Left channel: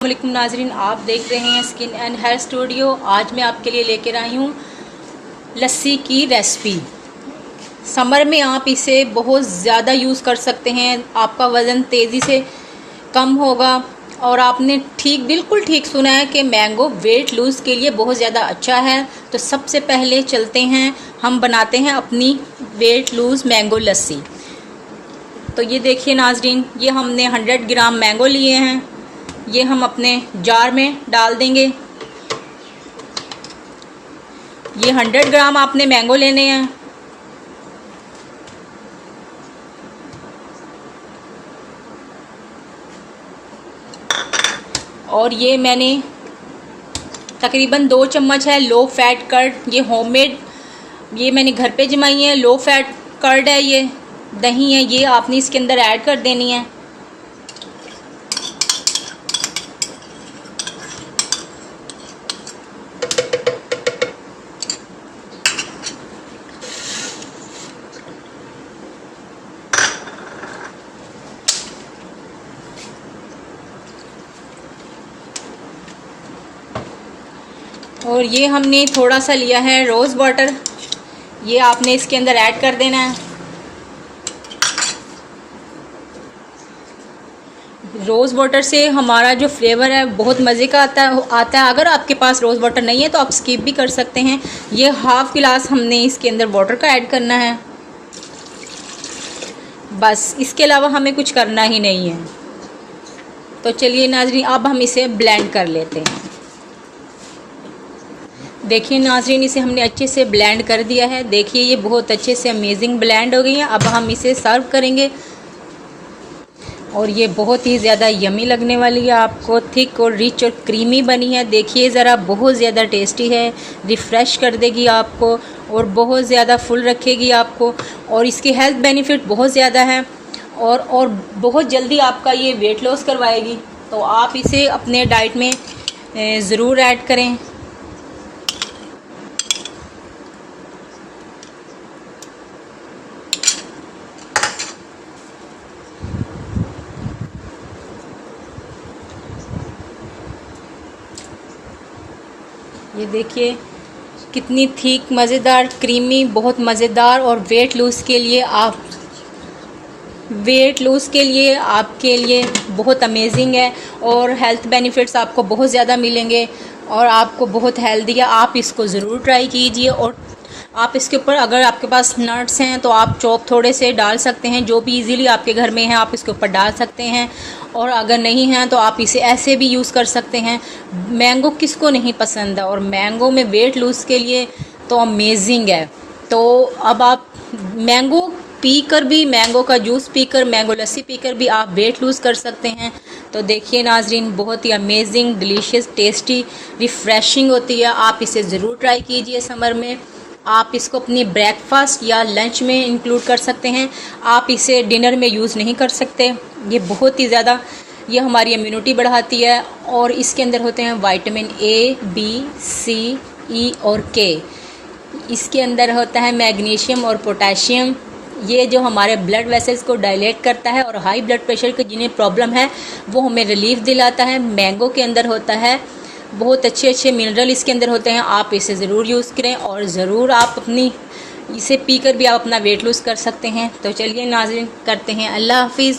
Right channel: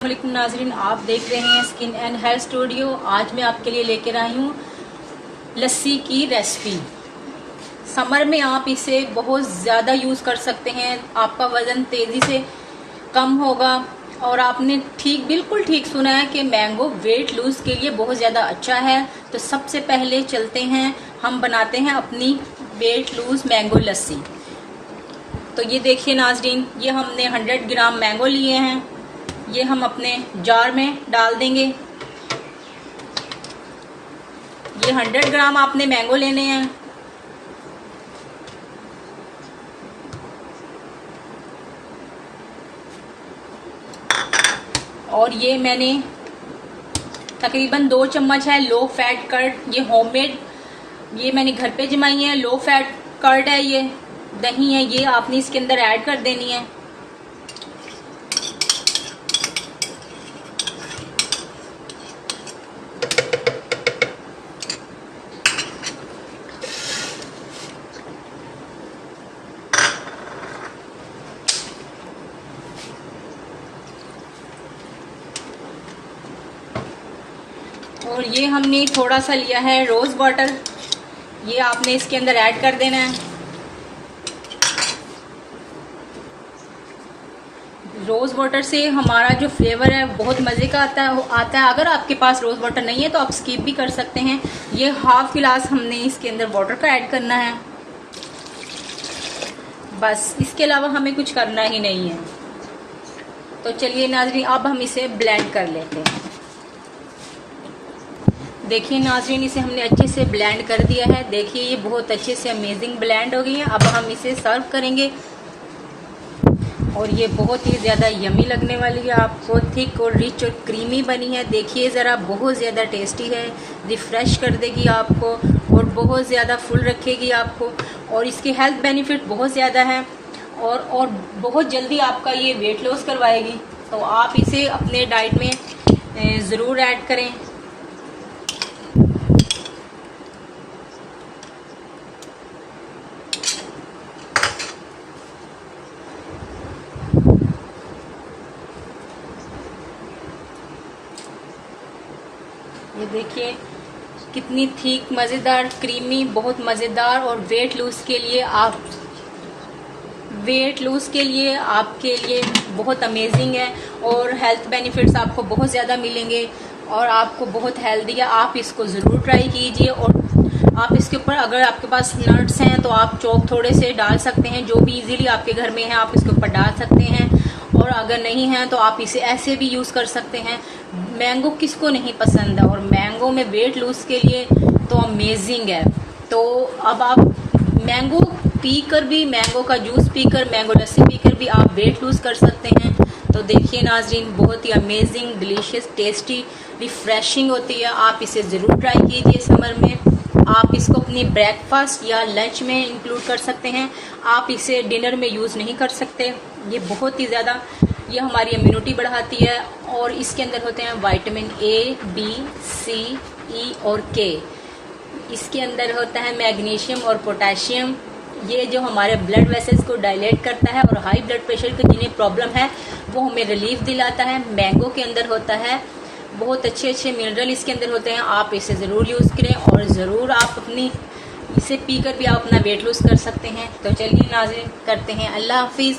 वालेकुम नाजरीन, आप देख रहे हैं स्किन एंड हेयर स्टूडियो। आज मैं आपके लिए लेकर आई हूँ लस्सी की रेसिपी। समर में आप इसे बहुत ज़्यादा यूज़ कर सकते हैं। आपका वज़न तेज़ी से कम होगा। और आपने बिल्कुल ठीक सुना है कि मैंगो वेट लूज़ के लिए बहुत ज़्यादा अच्छा है। तो सबसे पहले चलते हैं, हम बनाते हैं अपनी वेट लूज़ मैंगो लस्सी। तो ये देखिए नाजरीन, ये हमने 100 ग्राम मैंगो लिए हैं। ये हम अपने जार में डाल देंगे। ये 100 ग्राम आपने मैंगो लेने हैं। और ये मैंने तकरीबन 2 चम्मच है लो फैट कर्ड। ये होममेड, ये मैंने घर पे जमाई है। लो फैट कर्ड है, ये दही है, ये आपने इसके अंदर ऐड कर देनी है। और ये हमने थोड़ा सा लिया है रोज़ वाटर, ये आपने इसके अंदर ऐड कर देना है। रोज़ वाटर से हमारा जो फ्लेवर है बहुत मज़े का आता है। अगर आपके पास रोज़ वाटर नहीं है तो आप स्किप भी कर सकते हैं। ये हाफ़ गिलास हमने इसके अंदर वाटर का ऐड करना है, बस। इसके अलावा हमें कुछ करना ही नहीं है। तो चलिए नाजरीन, अब हम इसे ब्लेंड कर लेते हैं। देखिए नाजरीन, इसे हमने अच्छे से ब्लेंड कर दिया है। देखिए ये बहुत अच्छे से अमेजिंग ब्लेंड हो गई है। अब हम इसे सर्व करेंगे और ये बहुत ही ज़्यादा यमी लगने वाली है। आपको थिक और रिच और क्रीमी बनी है। देखिए ज़रा, बहुत ज़्यादा टेस्टी है। रिफ़्रेश कर देगी आपको और बहुत ज़्यादा फुल रखेगी आपको। और इसके हेल्थ बेनिफिट बहुत ज़्यादा है और बहुत जल्दी आपका ये वेट लॉस करवाएगी। तो आप इसे अपने डाइट में ज़रूर ऐड करें। ये देखिए कितनी थिक, मज़ेदार, क्रीमी, बहुत मज़ेदार। और वेट लूज़ के लिए आपके लिए बहुत अमेजिंग है। और हेल्थ बेनिफिट्स आपको बहुत ज़्यादा मिलेंगे और आपको बहुत हेल्दी है। आप इसको ज़रूर ट्राई कीजिए। और आप इसके ऊपर, अगर आपके पास नट्स हैं तो आप चॉप थोड़े से डाल सकते हैं, जो भी इजीली आपके घर में है आप इसके ऊपर डाल सकते हैं। और अगर नहीं है तो आप इसे ऐसे भी यूज़ कर सकते हैं। मैंगो किसको नहीं पसंद है, और मैंगो में वेट लूज़ के लिए तो अमेजिंग है। तो अब आप मैंगो पीकर भी, मैंगो का जूस पीकर, मैंगो लस्सी पीकर भी आप वेट लूज़ कर सकते हैं। तो देखिए नाजरीन, बहुत ही अमेजिंग, डिलीशियस, टेस्टी, रिफ़्रेशिंग होती है। आप इसे ज़रूर ट्राई कीजिए समर में। आप इसको अपनी ब्रेकफास्ट या लंच में इंक्लूड कर सकते हैं। आप इसे डिनर में यूज़ नहीं कर सकते। ये बहुत ही ज़्यादा, ये हमारी इम्यूनिटी बढ़ाती है। और इसके अंदर होते हैं विटामिन ए, बी, सी, ई और के। इसके अंदर होता है मैग्नीशियम और पोटेशियम। ये जो हमारे ब्लड वेसल्स को डायलेट करता है और हाई ब्लड प्रेशर की जिन्हें प्रॉब्लम है वो हमें रिलीफ दिलाता है। मैंगो के अंदर होता है बहुत अच्छे मिनरल, इसके अंदर होते हैं। आप इसे ज़रूर यूज़ करें और ज़रूर आप इसे पीकर भी आप अपना वेट लूज़ कर सकते हैं। तो चलिए नाज़रीन, करते हैं अल्लाह हाफिज़।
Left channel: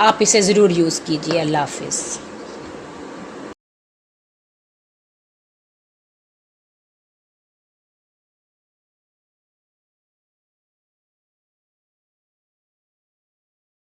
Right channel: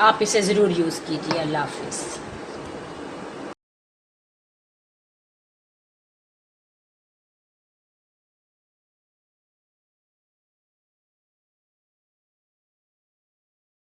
आप इसे ज़रूर यूज़ कीजिए। अल्लाह हाफिज़।